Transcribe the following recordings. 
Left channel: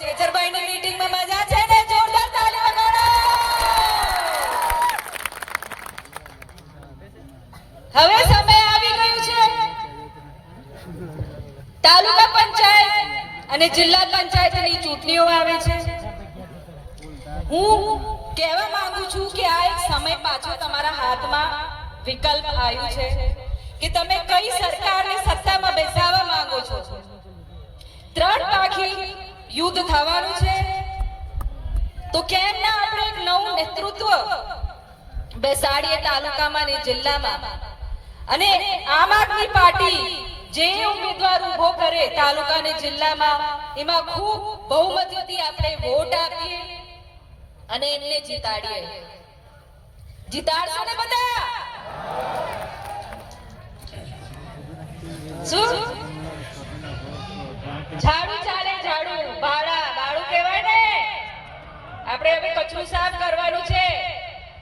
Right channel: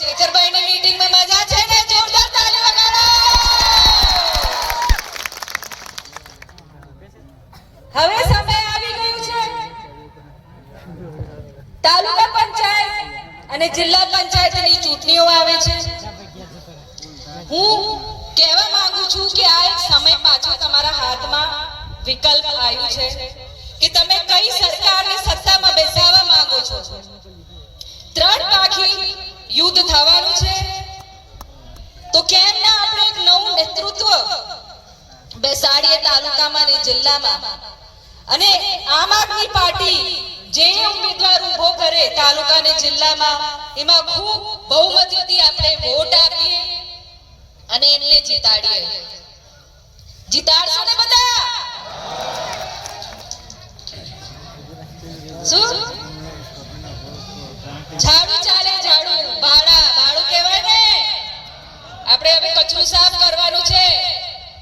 ચેતરભાઈની મીટિંગમાં મજા છે જોરદાર તાળી હવે સમય આવી ગયો છે. તાલુકા પંચાયત અને જિલ્લા પંચાયતની ચૂંટણીઓ આવે છે. હું કહેવા માંગુ છું કે આ એક સમય પાછો તમારા હાથમાં વિકલ્પ આવ્યું છે કે તમે કઈ સરકારને સત્તામાં બેસાડવા માંગો છો? ત્રણ પાખી યુદ્ધ થવાનું છે? તો કેમ ના આપણે એક નવું નેતૃત્વ બેસાડીએ તાલુકામાં ને જિલ્લામાં? અને આમ આદમી પાર્ટી જે ઉમેદવાર ઊભો કરે તાલુકા ને જિલ્લામાં, એમાં ખૂબ બહુમતીથી આપણે વોટ આપીએ અને એમને જીતાડીએ. જીતાડશો ને બધા? શું? આપણે હવે કચરું સાફ કરવાનું છે.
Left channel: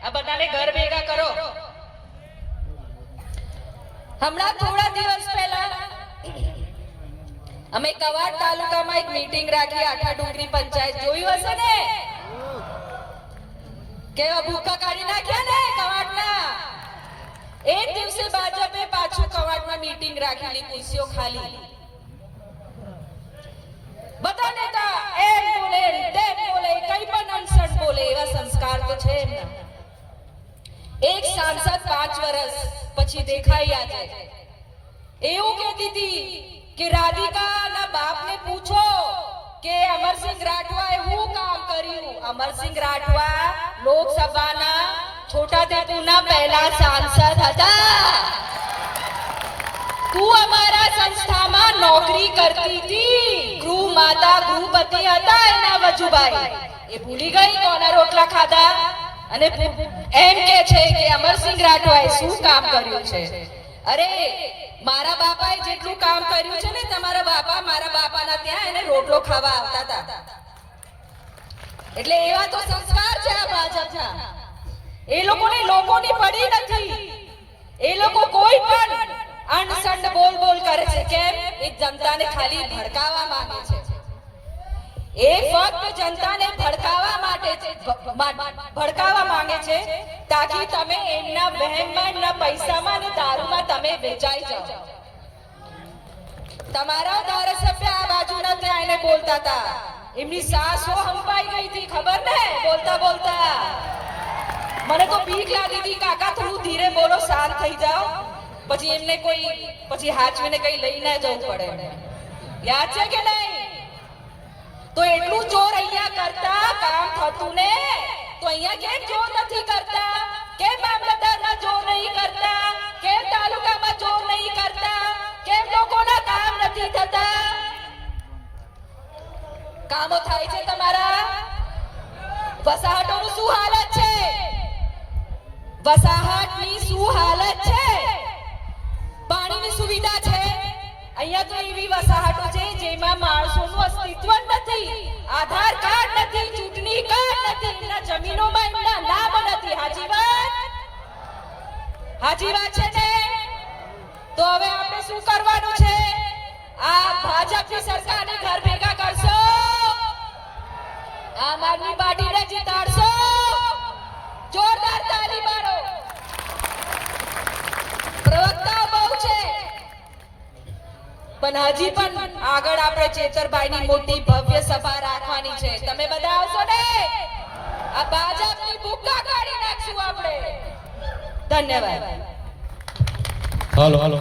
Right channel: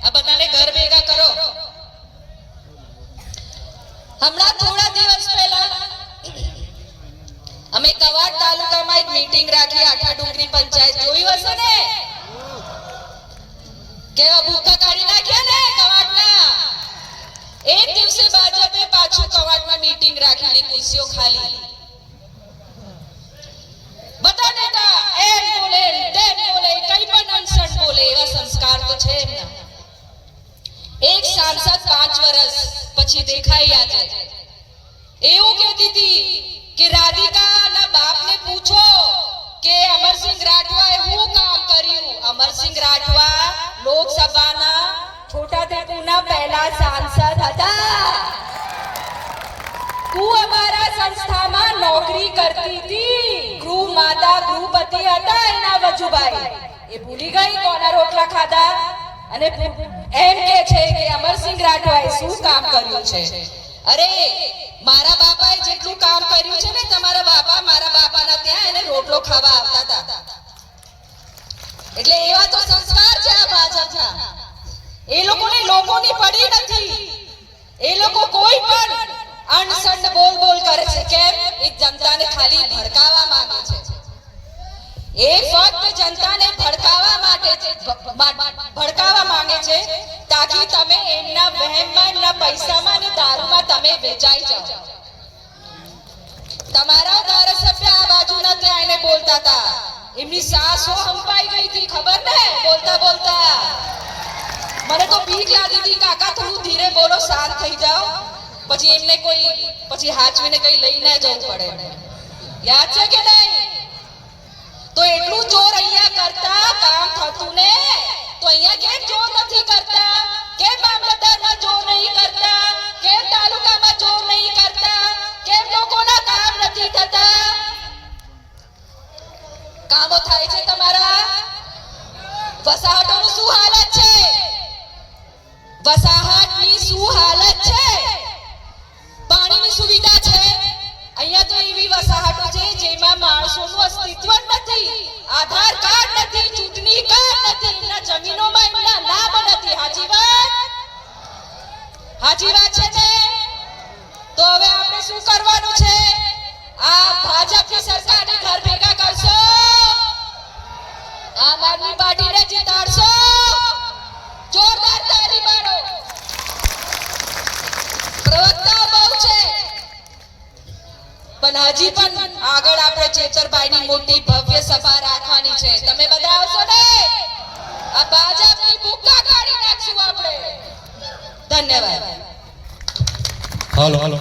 આ બધાને ઘર ભેગા કરો. હમણાં થોડા દિવસ પહેલા અમે કવાડ તાલુકામાં એક મીટિંગ રાખી આખા ડુંગરી પંચાયત જોયું હશે ને? કેવા ભૂકા કાઢી નાખ્યા ને કવાડના? એક દિવસે ભાજપે પાછું કવાડમાં મીટિંગ રાખેલી, ખુરશીઓ ખાલી. પાંચ પછી દેખાઈ આજે એવું કહેતી હતી કે રાધિકાના બાપને પૂછો કે અમરસિંહ રાઠવાએ હું કામ કર્યું? અમરસિંહ રાઠવા લોકસભાના છોટાઉદેપુરના પહેલા સાંસદ હતા. તું અમારા સંસ્થામાં નોકરી કરતી હતી. ગૃહ માતા, ગૃહપતિ હતા એના વજુભાઈ. એ ભૂલી ગઈ કોના રોટલા ખાધા? અને એમ કે છે કે અમરસિંહ રાઠવાએ શું કામ કર્યું છે? અરે, મારા બાપાએ જેટલું કામ કર્યું છે ને, તમારા બાપા મારા બાપાના ત્યાં એને રોટલો ખાવા આવતા હતા. એટલે એવા તો સંસ્કાર છે ભાજપના. એ લોકોને લોકોની પડી નથી. એ લોકો કોઈ પણ અણસંડ બોલ બોલ કરે છે. કેમ? એક જનતાને ખાલી ભડકાવા માંગે છે. એ ફક્ત જનતાને ભડકાવવા માટે ભડકાવવા માંગે છે, તાકી તમે એમના વહેમમાં, એમના પૈસામાં અને દારૂમાં તમે વેચાઈ જાઓ. તમારા ધારાસભ્ય આ બાજુના ત્યાં એને બોલતા હતા. એમની સાસો હંપાઈ ગઈ હતી, ખબર ને? બોલતા બોલતા. મને તો બીક લાગી હતી, કાકા થોડું ધીરે બોલો, શાંત થઈ જાઓ. પછી એમને કોઈ, પછી હાચવીને કઈ લઈ ના જવું પડે. યાદ છે કે નહીં? તો એટલું જોર અહીંયા કરતા કામ થતું ને? તો અહીંયા કેમ જોર નથી કરતા? કેમ મામલતદારના જોર નહીં કરતા? કેમ તાલુકામાં જોર નહીં કરતા? કેમ લોકોના કામ નથી થતા? કામો થાય છે તમારા? વસાહતોનું શું હાલત છે? વસાહતની શું હાલત છે? શું કરવાનું છે? આ ભાજપની સરકારને ઘર ભેગા કરશો? આમ આદમી પાર્ટીને જીતાડશો? જોરદાર તાળી મારો પ્રવક્તાઓ બહુ છે. પણ હજી પણ આગળ આપણે ચેતરભાઈની મોટી ભવ્ય સભા રાખવાની છે. તમે બધા આવશો ને? આ ભાજપની ભૂકા કાઢી નાખશું આપણે. ધન્યવાદ. હાલો હાલો.